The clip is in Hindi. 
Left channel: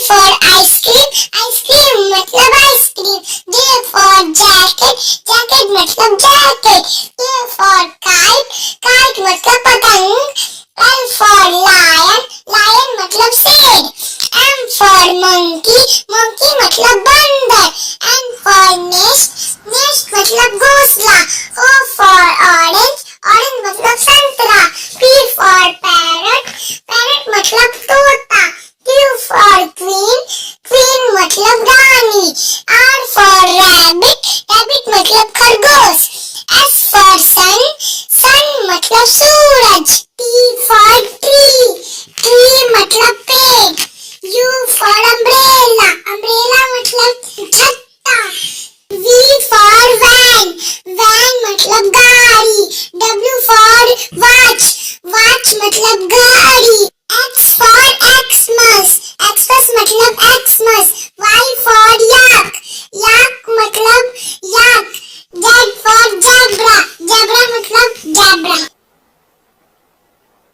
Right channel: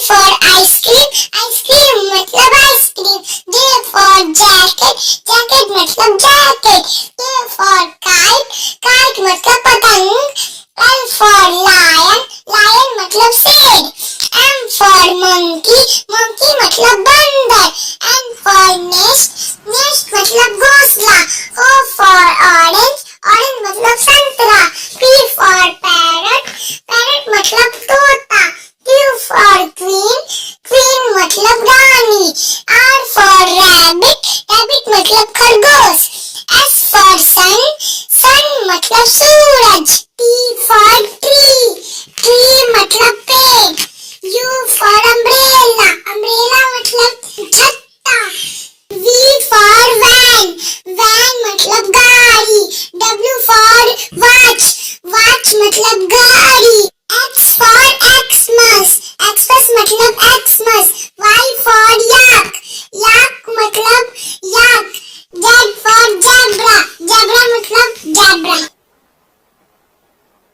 for ice cream, ice cream मतलब ice cream. J for jacket, jacket मतलब jacket. K for kite, kite मतलब पतंग. L for lion, lion मतलब शेर. M for monkey, monkey मतलब बंदर. N for nest, nest मतलब घोंसला. O for orange, orange मतलब संतरा. P for parrot, parrot मतलब तोता. Q for queen, queen मतलब रानी. R for rabbit, rabbit मतलब खरगोश. S for sun, sun मतलब सूरज. T for tree, tree मतलब पेड़. U for umbrella, umbrella मतलब छत्ता. V for van, van मतलब गाड़ी. W for watch, watch मतलब घड़ी. X for Xmas, Xmas मतलब